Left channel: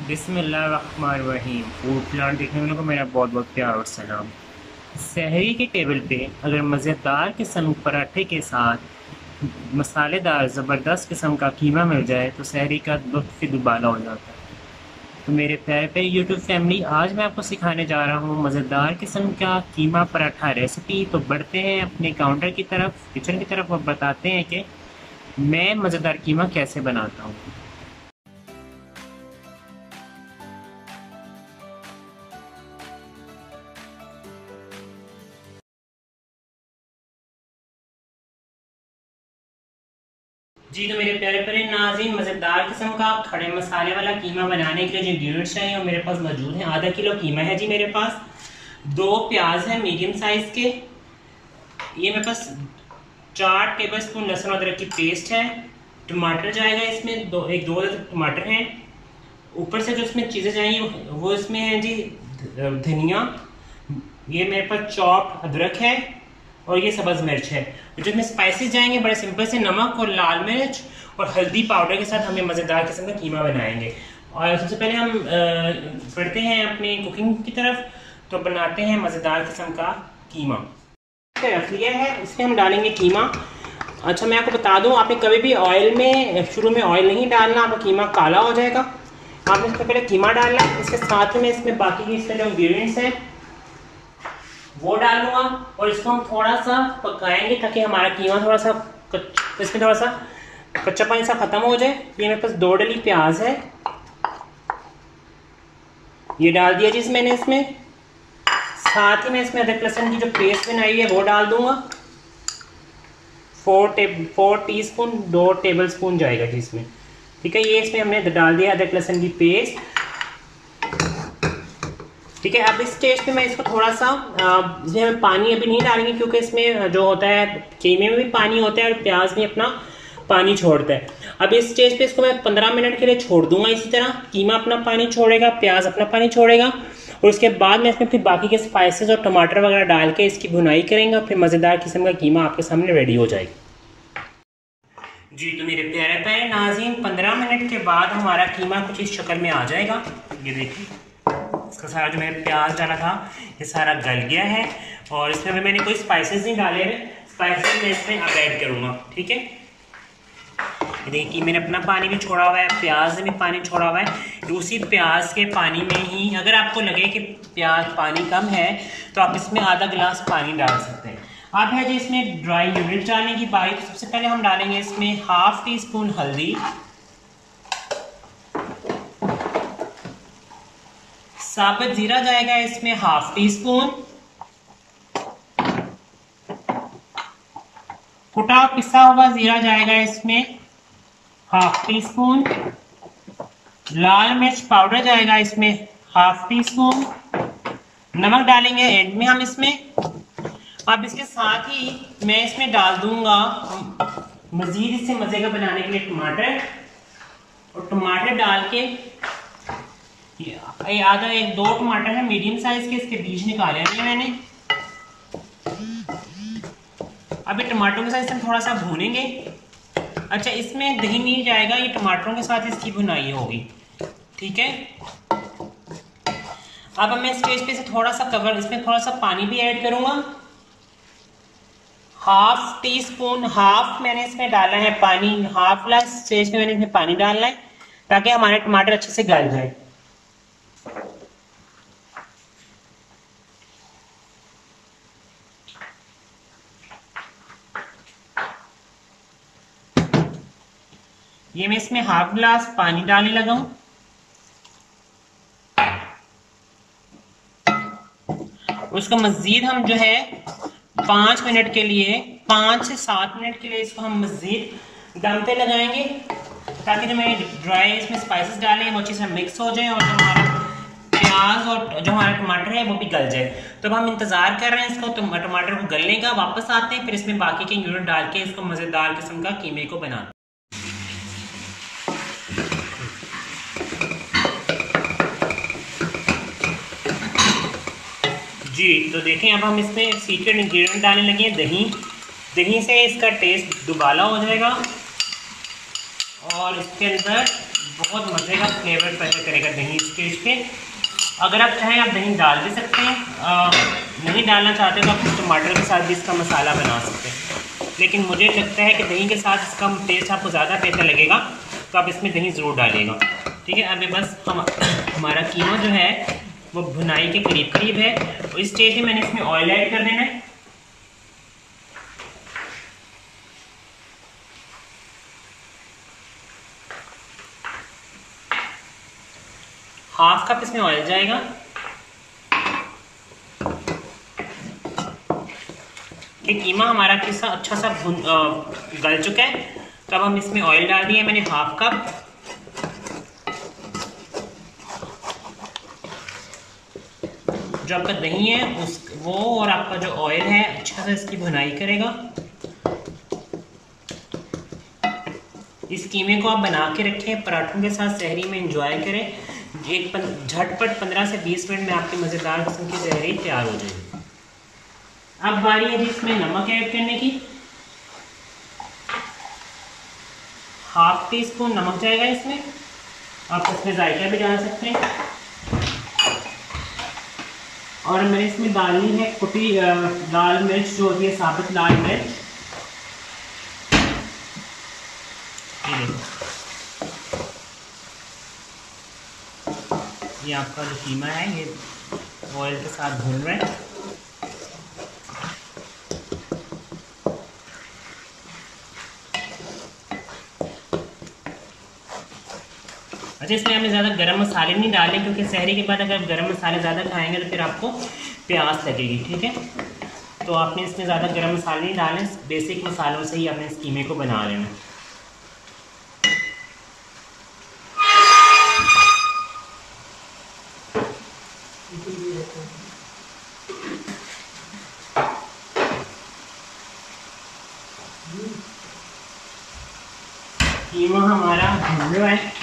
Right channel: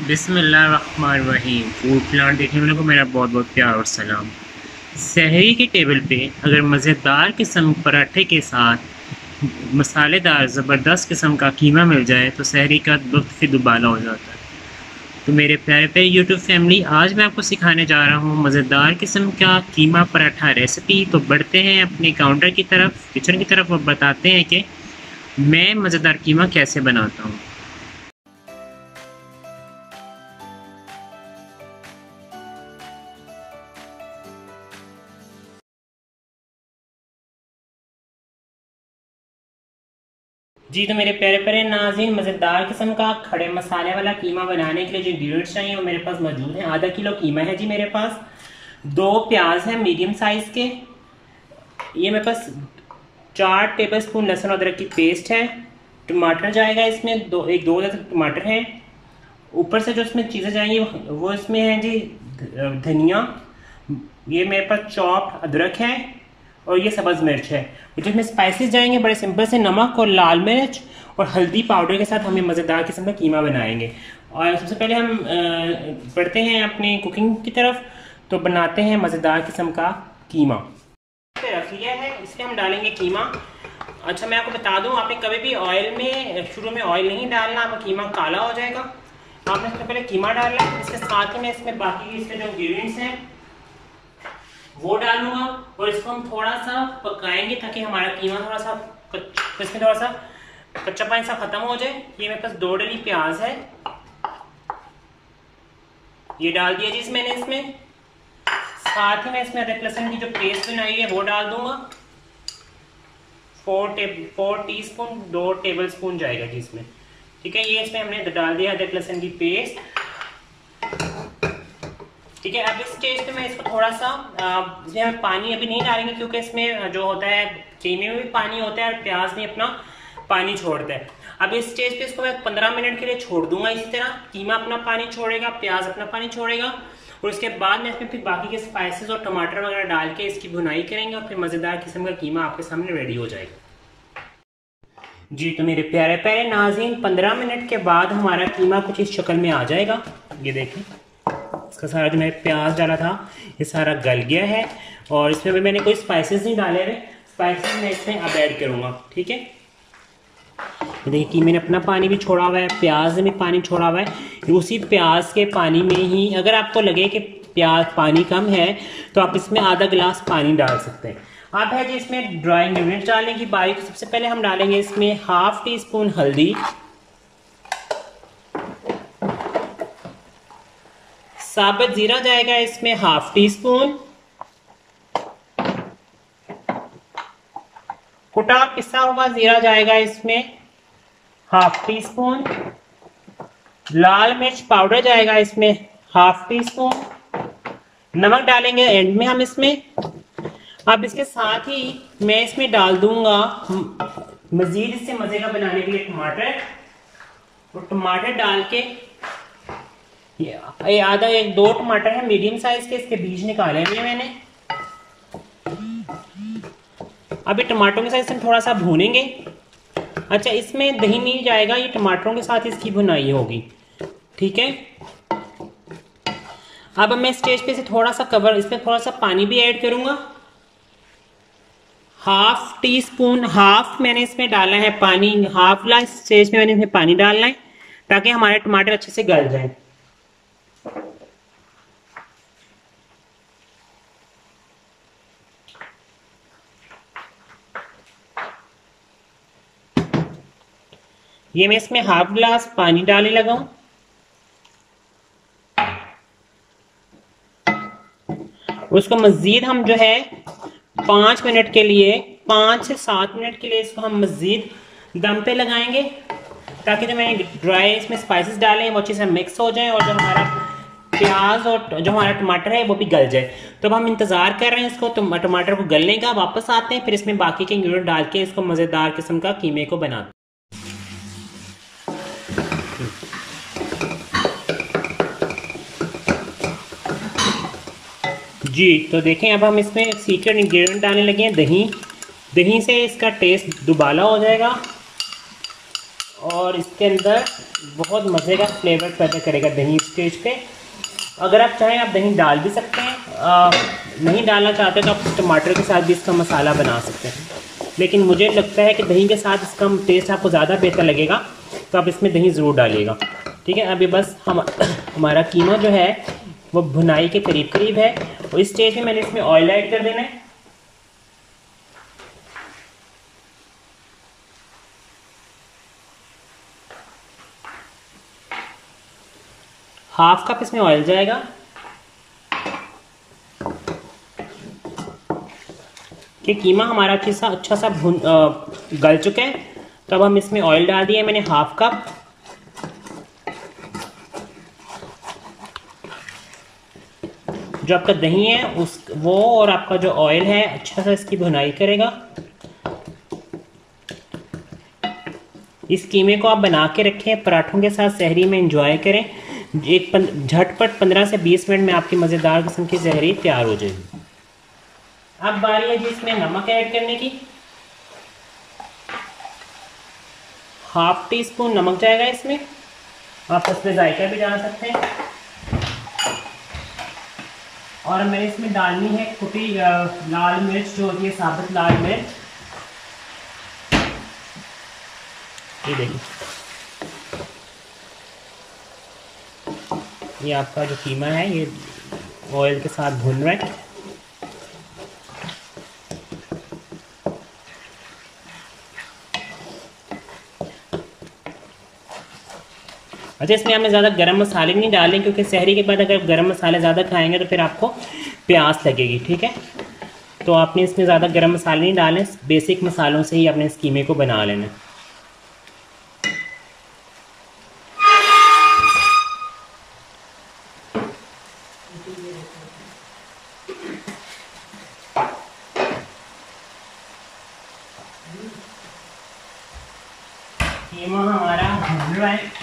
बिस्मिल्लाहिर्रहमानिर्रहीम। Food plant देखने वालों को मेरा बहुत बहुत प्यार और सलाम। सहरी की टेबल पे अगर मज़ेदार किस्म पराठे के साथ मसालेदार ज़बरदस्त किस्म का कीमा मिल जाए तो सहरी का लुत्फ़ ही दुबाला हो जाता है। तो मेरे प्यारे प्यारे यूट्यूब फैमिली, आज मैं आपको सिखाने जा रहा हूँ मज़ेदार किस्म का कीमा पराठा रेसिपी। तो बढ़ते हैं अपने काउंटर की तरफ, किचन की तरफ, और बताते हैं कि मैं मज़ेदार कीमा कैसे बनाता हूँ। जी, तो मेरे प्यारे प्यारे नाज़रीन, मज़ेदार किस्म का खड़े मसाले वाला कीमा बनाने के लिए जो इंग्रीडियंट्स चाहिए वो मेरे पास मौजूद हैं। आधा किलो कीमा है जी मेरे पास। 2 प्याज हैं मीडियम साइज़ के। ये मेरे पास 4 टेबल स्पून लहसुन अदरक की पेस्ट है। टमाटर जाएगा इसमें, दो टमाटर हैं। ऊपर से जो इसमें चीज़ें चाहिए वो इसमें हैं जी धनिया, ये मेरे पास चॉप्ड अदरक है, और ये सब्ज़ मिर्च है। जिसमें स्पाइसेस जाएंगे बड़े सिंपल से, नमक और लाल मिर्च और हल्दी पाउडर के साथ हमें मज़ेदार किस्म का कीमा बनाएंगे। और सबसे पहले हम बढ़ते हैं अपनी कुकिंग की तरफ। तो बनाते हैं मज़ेदार किस्म का कीमा। रख लिया है, इसमें हम डालेंगे कीमा। अच्छा, मैं आपको बता दूं, आपने कभी भी ऑयल में शुरू में ऑयल नहीं डालना, आपका कीमा काला हो जाएगा। आपने सबसे पहले कीमा डालना है, इसके साथ में इसमें बाकी के इसके जो इंग्रीडियंट्स हैं वो डालूंगा, और इसको हम थोड़ा सा पकाएंगे ताकि हमारा कीमा थोड़ा सा इसमें थोड़ा सा कच्चा पानी सा खत्म हो जाए। ये मेरे पास 2 डली प्याज है, ये डाल दिया जी मैंने इसमें। साथ ही में इसमें अदरक लहसुन की जो पेस्ट बनाई है वो डाल दूंगा। 4 टीस्पून 2 टेबल स्पून जाएगा जी इसमें। ठीक है, ये इसमें हमने डाल दिया अदरक लहसुन की पेस्ट। ठीक है, अब इस स्टेज पे मैं इसको थोड़ा सा इसमें पानी अभी नहीं डालेंगे, क्योंकि इसमें जो होता है कीमे में भी पानी होता है और प्याज भी अपना पानी छोड़ता है। अब इस स्टेज पे इसको मैं 15 मिनट के लिए छोड़ दूंगा। इसी तरह कीमा अपना पानी छोड़ेगा, प्याज अपना पानी छोड़ेगा, और उसके बाद में इसमें फिर बाकी के स्पाइसेस और टमाटर वगैरह डाल के इसकी भुनाई करेंगे, और फिर मज़ेदार किस्म का कीमा आपके सामने रेडी हो जाएगा। जी, तो मेरे प्यारे प्यारे नाज़रीन, 15 मिनट के बाद हमारा कीमा कुछ इस शक्ल में आ जाएगा। ये देखें, इसका सारा जो मैंने प्याज डाला था ये सारा गल गया है, और इसमें भी मैंने कोई स्पाइसेस नहीं डाले हैं। स्पाइसेस मैं इसमें अब ऐड करूँगा। ठीक है, ये देखिए कि मैंने अपना पानी भी छोड़ा हुआ है, प्याज ने भी पानी छोड़ा हुआ है। उसी प्याज के पानी में ही, अगर आपको लगे कि प्याज पानी कम है तो आप इसमें आधा गिलास पानी डाल सकते हैं। अब है जी इसमें ड्राई इंग्रेडिएंट्स डालने की बारी। तो सबसे पहले हम डालेंगे इसमें ½ टीस्पून हल्दी, साबुत जीरा जाएगा इसमें ½ टीस्पून, कुटा पिसा हुआ जीरा जाएगा इसमें ½ टीस्पून, लाल मिर्च पाउडर जाएगा इसमें ½ टीस्पून, नमक डालेंगे एंड में हम इसमें। अब इसके साथ ही मैं इसमें डाल दूंगा मजीद इससे मजे का बनाने के लिए टमाटर, और टमाटर डाल के ये आधा 2 टमाटर है मीडियम साइज के, इसके बीज निकाले हैं मैंने। अब ये टमाटरों के साथ इसमें थोड़ा सा भूनेंगे। अच्छा, इसमें दही नहीं जाएगा, ये टमाटरों के साथ इसकी भुनाई होगी। ठीक है, अब मैं स्टेज पे से थोड़ा सा कवर, इसमें थोड़ा सा पानी भी ऐड करूंगा। ½ टीस्पून मैंने इसमें डाला है पानी, हाफ ग्लास स्टेज पे मैंने इसमें पानी डालना है ताकि हमारे टमाटर अच्छे से गल जाए। ये मैं इसमें ½ ग्लास पानी डालने लगा हूं। उसको मजीद हम जो है 5 मिनट के लिए, 5 से 7 मिनट के लिए इसको हम मजीद दम पे लगाएंगे, ताकि जो मैंने ड्राई इसमें स्पाइसेस डाले हैं वो अच्छे से मिक्स हो जाए, और जो हमारा प्याज और जो हमारा टमाटर है वो भी गल जाए। तो अब हम इंतजार कर रहे हैं इसको, तो टमाटर को गलने का, वापस आते हैं, फिर इसमें बाकी के इंग्रेडिएंट डाल के इसको मजेदार किस्म का कीमे को बनाते हैं। जी, तो देखें अब हम इसमें सीक्रेट इंग्रेडिएंट डालने लगे हैं दही। दही से इसका टेस्ट दुबाला हो जाएगा, और और इसके अंदर बहुत मज़े का फ्लेवर पैदा करेगा दही स्टेज पे। अगर आप चाहें आप दही डाल भी सकते हैं, नहीं डालना चाहते तो आप टमाटर के साथ भी इसका मसाला बना सकते हैं, लेकिन मुझे लगता है कि दही के साथ इसका टेस्ट आपको ज़्यादा बेहतर लगेगा, तो आप इसमें दही ज़रूर डालिएगा। ठीक है, अभी बस हमारा कीमा जो है वो भुनाई के करीब करीब है, तो इस स्टेज में मैंने इसमें ऑयल ऐड कर देना है। हाफ कप इसमें ऑयल जाएगा। कि कीमा हमारा अच्छा सा गल चुका है, तो अब हम इसमें ऑयल डाल दिए मैंने हाफ कप। जो आपका दही है वो और आपका जो ऑयल है अच्छा सा इसकी भुनाई करेगा। इस कीमे को आप बना के रखें, पराठों के साथ सहरी में एंजॉय करें। एक झटपट 15 से 20 मिनट में आपकी मज़ेदार किस्म की सहरी तैयार हो जाएगी। अब बारी है जी इसमें नमक ऐड करने की। हाफ टी स्पून नमक जाएगा इसमें, आप इसमें जायका भी डाल सकते हैं। और मैंने इसमें डालनी है कुटी लाल मिर्च, जो होती है साबुत लाल मिर्च। ये देखो, ये आपका जो कीमा है ये ऑयल के साथ भून रहा है। अच्छा, इसमें हमें ज़्यादा गरम मसाले नहीं डालने, क्योंकि सहरी के बाद अगर गरम मसाले ज़्यादा खाएंगे तो फिर आपको प्यास लगेगी। ठीक है, तो आपने इसमें ज़्यादा गरम मसाले नहीं डालने, बेसिक मसालों से ही आपने इस कीमे को बना लेना। कीमा हमारा भुन रहा है।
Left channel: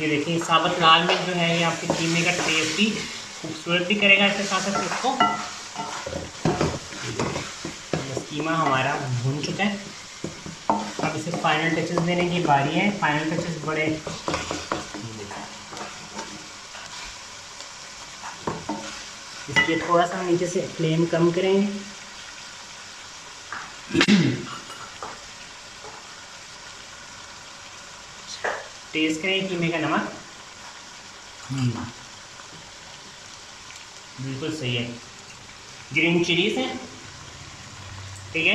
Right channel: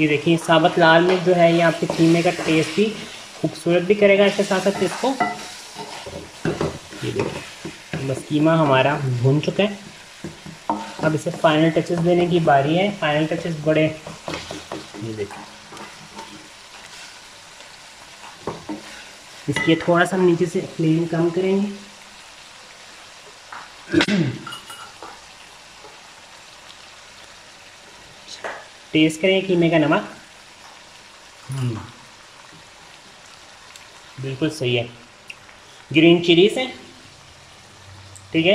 ये देखिए, साबुत लाल मिर्च जो है ये आपके कीमे का टेस्ट भी खूबसूरत भी करेगा इसके साथ साथ इसको। ये देखिए, बस कीमा हमारा भुन चुका है। अब इसे फाइनल टचेस देने की बारी है। फाइनल टचेस बड़े, ये देखिए, इसके थोड़ा सा नीचे से फ्लेम कम करेंगे। टेस्ट करें कीमे का नमक, बिल्कुल सही है। ग्रीन चिलीज है, ठीक है।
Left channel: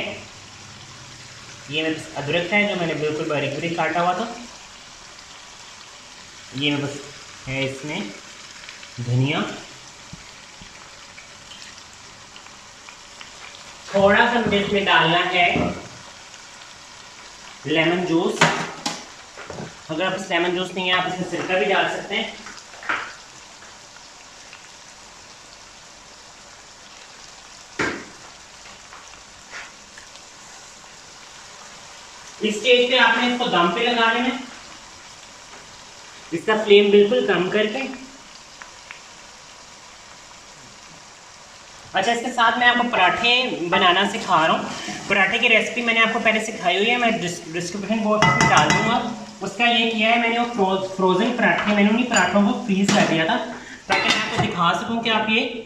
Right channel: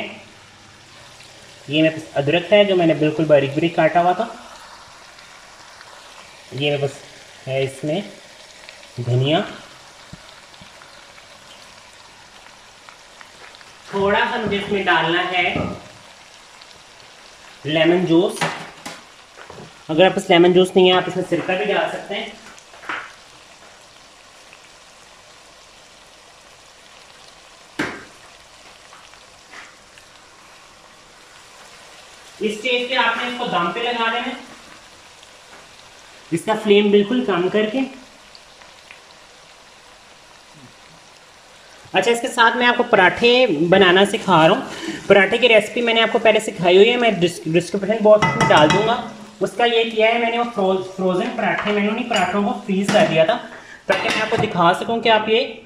ये मेरे पास अदरक है जो मैंने बिल्कुल बारीक बारीक काटा हुआ था। ये मेरे पास है इसमें धनिया। थोड़ा सा मुझे इसमें डालना है लेमन जूस। अगर आप इस लेमन जूस नहीं है आप इसमें सिरका भी डाल सकते हैं। इस स्टेज पे आपने इसको दम पे लगा लेना है, इसका फ्लेम बिल्कुल कम करके। अच्छा, इसके साथ मैं आपको पराठे बनाना सिखा रहा हूँ। पराठे की रेसिपी मैंने आपको पहले सिखाई हुई है, मैं डिस्क्रिप्शन बॉक्स में डाल दूंगा। उसका ये किया है मैंने, वो फ्रोजन पराठे, मैंने उन्हीं पराठों को फ्रीज कर दिया था ताकि मैं आपको दिखा सकूं कि आप ये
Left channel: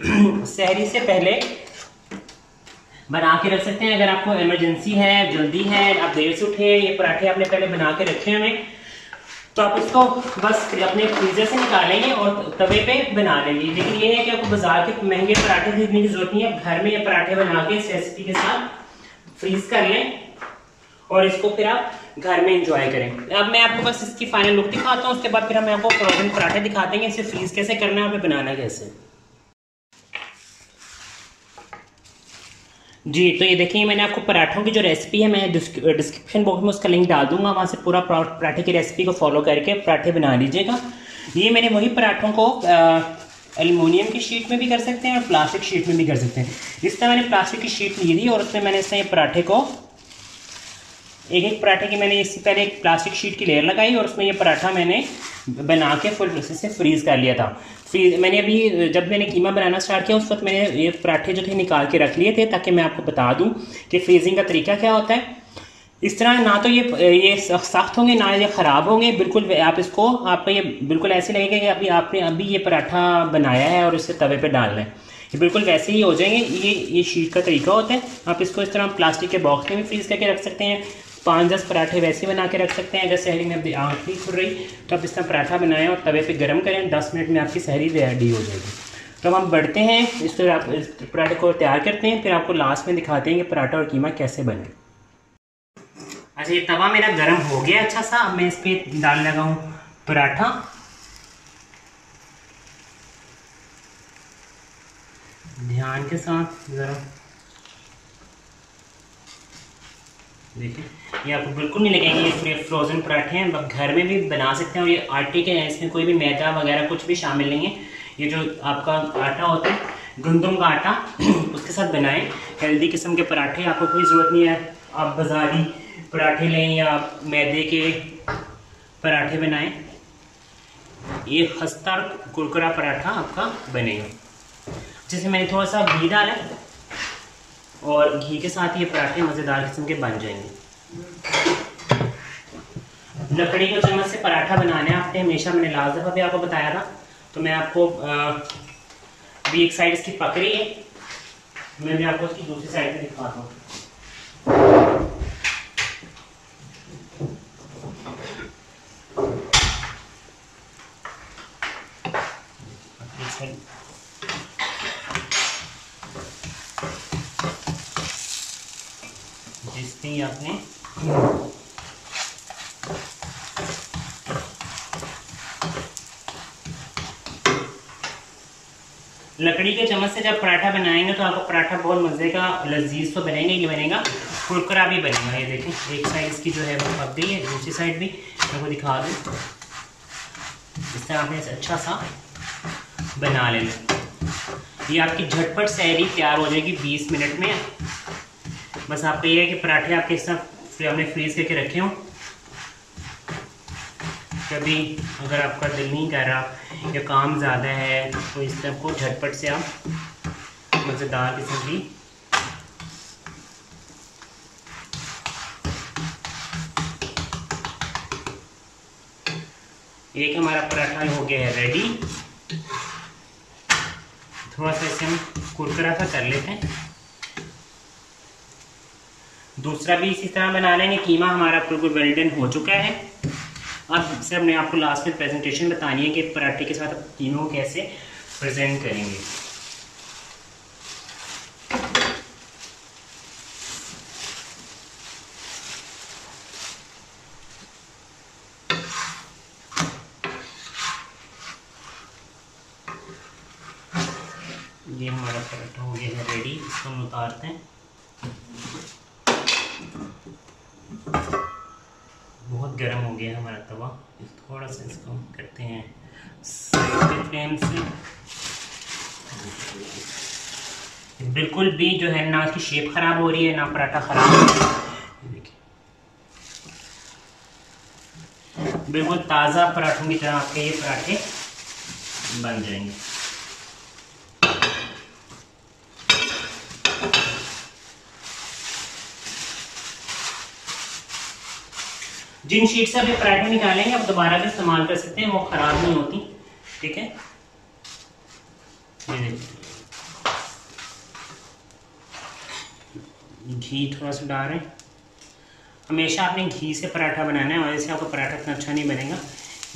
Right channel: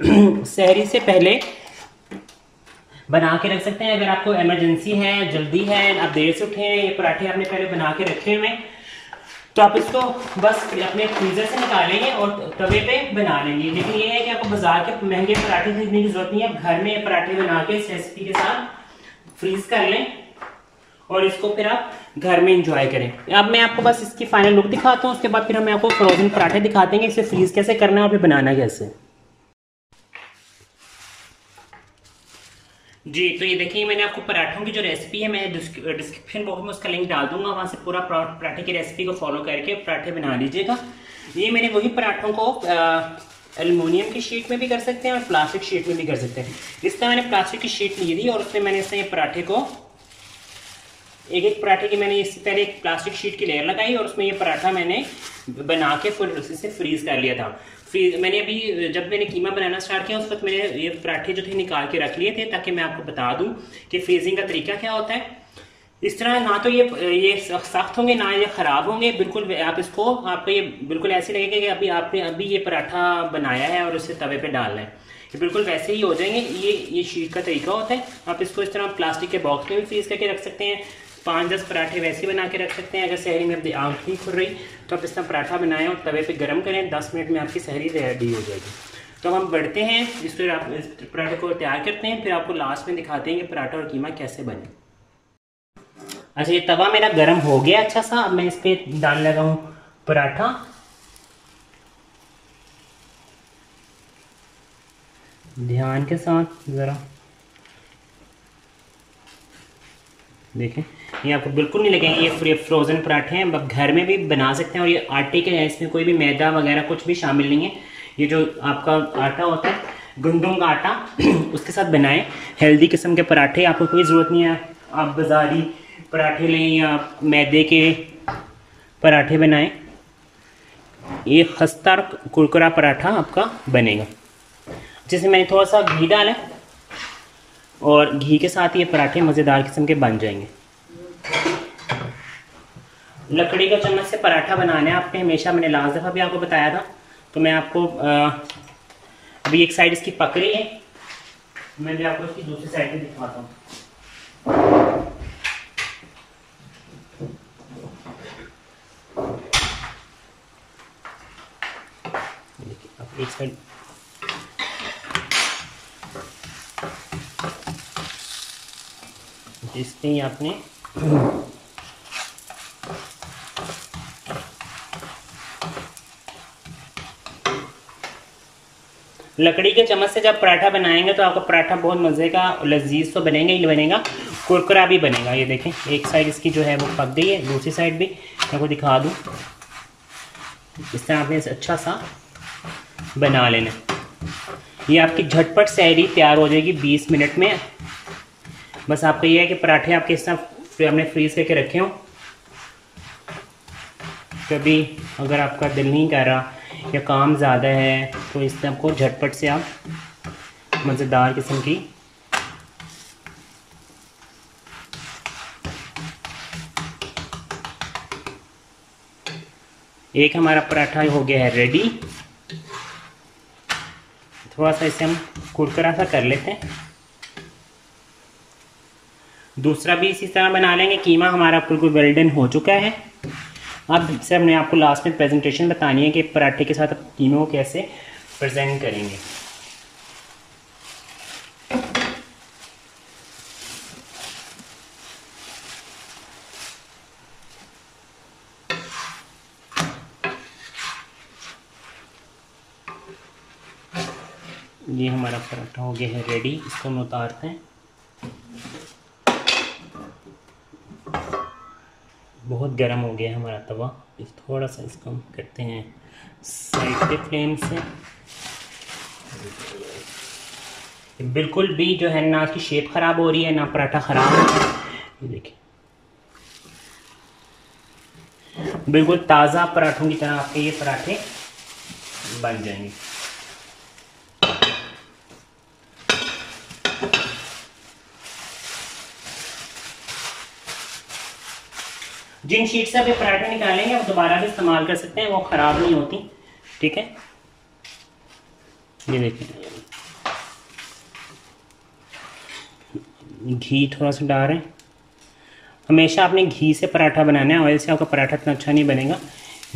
सहरी से पहले बना के रख सकते हैं। अगर आपको इमरजेंसी है, जल्दी है, आप देर से उठे, ये पराठे आपने पहले बना के रखे हुए, तो आप इसको बस अपने फ्रीजर से निकालेंगे और तवे पे बना लेंगे। लेकिन ये है कि आपको बाजार के महंगे पराठे खरीदने की जरूरत नहीं है। घर में ये पराठे बना के इस रेसिपी के साथ फ्रीज कर लें और इसको फिर आप घर में एंजॉय करें। अब मैं आपको बस इसकी फाइनल लुक दिखाता हूँ, उसके बाद फिर हम आपको फ्रोजन पराठे दिखा देंगे, इसे फ्रीज कैसे करना है और फिर बनाना कैसे। जी, तो ये देखिए, मैंने आपको पराठों की जो रेसिपी है मैं डिस्क्रिप्शन बॉक्स में उसका लिंक डाल दूंगा, वहाँ से पूरा पराठे की रेसिपी को फॉलो करके पराठे बना लीजिएगा। ये मैंने वही पराठों को एल्युमिनियम की शीट में भी कर सकते हैं और प्लास्टिक शीट में भी कर सकते हैं। इस तरह मैंने प्लास्टिक की शीट ली थी और उसमें मैंने इस तरह ये पराठे को एक एक पराठे की मैंने इससे पहले एक प्लास्टिक शीट की लेयर लगाई और उसमें ये पराठा मैंने बना के फुल प्रोसेस से फ्रीज़ कर लिया था। मैंने अभी जब मैंने कीमा बनाना स्टार्ट किया उस वक्त मैंने ये पराठे जो थे निकाल के रख लिए थे, ताकि मैं आपको बता दूं कि फ्रीजिंग का तरीका क्या होता है। इस तरह ना तो ये सख्त होंगे ना ये ख़राब होंगे, बिल्कुल आप इसको आपको ये बिल्कुल ऐसे लगेगा कि अभी आपने अभी ये पराठा बनाया है और इसे तवे पे डालना है, ये बिल्कुल वैसे ही हो जाएंगे। ये शीट का तरीका होता है। आप इसको इस तरह प्लास्टिक के बॉक्स में भी फ्रीज़ करके रख सकते हैं। 5-10 पराठे वैसे बना के रख सकते हैं। अगर सहरी में अपनी आँख नहीं खुल रही तो आप इस तरह पराठा बनाएं और तवे पे गर्म करें, 10 मिनट में आपकी सहरी रेडी हो जाएगी। तो हम बढ़ते हैं इस पर, आप इस पराठे को तैयार करते हैं, फिर आपको लास्ट में दिखाते हैं कि पराठा और कीमा कैसे बने। अच्छा, ये तवा मेरा गर्म हो गया अच्छा सा। अब मैं इस पर डाल लगा हूँ पराठा। ध्यान के साथ ज़रा देखें, ये आपको बिल्कुल नहीं लगेंगे ये फ्रोज़न पराठे हैं। आप घर में भी बना सकते हैं और ये आटे के, इसमें कोई भी मैदा वगैरह कुछ भी शामिल नहीं है। ये जो आपका आटा होता है गंदम का आटा उसके साथ बनाएं हेल्दी किस्म के पराठे। आपको कोई ज़रूरत नहीं है आप बाज़ारी पराठे लें या मैदे के पराठे बनाएं। ये खस्ता कुरकुरा पराठा आपका बनेगा। जैसे मैंने थोड़ा सा घी डाला और घी के साथ ये पराठे मज़ेदार किस्म के बन जाएंगे। लकड़ी का चम्मच से पराठा बनाना है आपने हमेशा, मैंने लास्ट दफ़ा भी आपको बताया था। तो मैं आपको अभी एक साइड इसकी पक रही है, मैं भी आपको इसकी दूसरी साइड भी दिखाता हूँ। एक साइड इसमें ही आपने लकड़ी के चम्मच से जब पराठा बनाएंगे तो आपका पराठा बहुत मज़े का लजीज तो बनेगा ही बनेगा, कुरकुरा भी बनेगा। ये देखें एक साइड इसकी जो है वो पक गई है, दूसरी साइड भी आपको दिखा दूँ। इस तरह आपने अच्छा सा बना लेना। ये आपकी झटपट सहरी तैयार हो जाएगी 20 मिनट में। बस आपका ये है कि पराठे आपके इस तरह हमने फ्रीज करके रखे हों। कभी अगर आपका दिल नहीं कर रहा या काम ज़्यादा है तो इस तरह को झटपट से आप मज़ेदार किस्म की एक हमारा पराठा हो गया है रेडी। थोड़ा सा इसे हम कुरकुरा सा कर लेते हैं। दूसरा भी इसी तरह बना लेंगे। कीमा हमारा बिल्कुल वेल डन हो चुका है। अब सर मैं आपको लास्ट में प्रेजेंटेशन बतानी है कि पराठे के साथ कीमा को कैसे प्रेजेंट करेंगे। ये हमारा पराठा हो गया है रेडी, इसको हम उतारते हैं। बहुत गर्म हो गया है हमारा तवा, थोड़ा सा इसको हम करते हैं साइड पे फ्लेम से। बिल्कुल भी जो है ना इसकी शेप खराब हो रही है ना पराठा खराब हो रहा है। देखिए बिल्कुल ताज़ा पराठों की तरह आपके ये पराठे बन जाएंगे। जिन शीट से आप ये पराठे निकालेंगे आप दोबारा भी इस्तेमाल कर सकते हैं, वो ख़राब नहीं होती। ठीक है, ये देखिए घी थोड़ा सा डाल रहे हैं। हमेशा आपने घी से पराठा बनाना है, ऑयल से आपका पराठा इतना अच्छा नहीं बनेगा।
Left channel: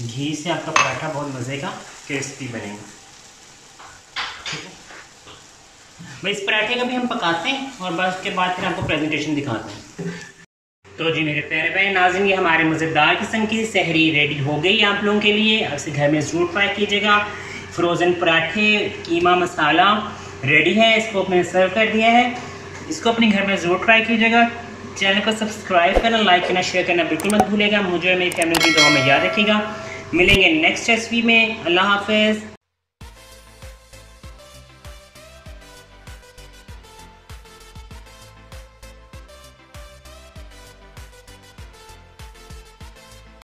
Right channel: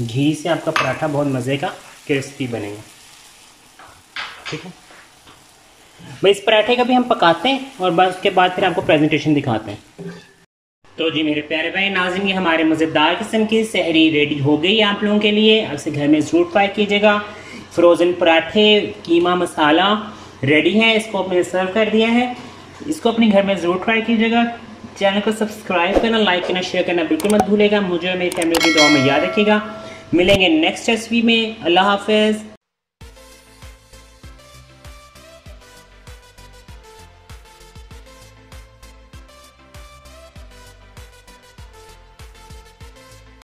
घी से आपका पराठा बहुत मज़े का क्रिस्पी बनेगा। ठीक है, भाई इस पराठे का भी हम पकाते हैं और बस उसके बाद फिर आपको प्रेजेंटेशन दिखाते हैं। तो जी मेरे प्यारे बहन नाज़रीन, ये हमारे मज़ेदार किस्म की सहरी रेडी हो गई है आप लोगों के लिए। अब से घर में ज़रूर ट्राई कीजिएगा। फ्रोज़न पराठे कीमा मसाला रेडी है, इसको अपने सर्व कर दिया है। इसको अपने घर में ज़रूर ट्राई कीजिएगा। चैनल को सब्सक्राइब करना, लाइक करना, शेयर करना बिल्कुल मत भूलेगा। मुझे और मेरी फैमिली की दुआ में याद रखिएगा। मिलेंगे नेक्स्ट रेसिपी में। अल्लाह हाफ़िज़।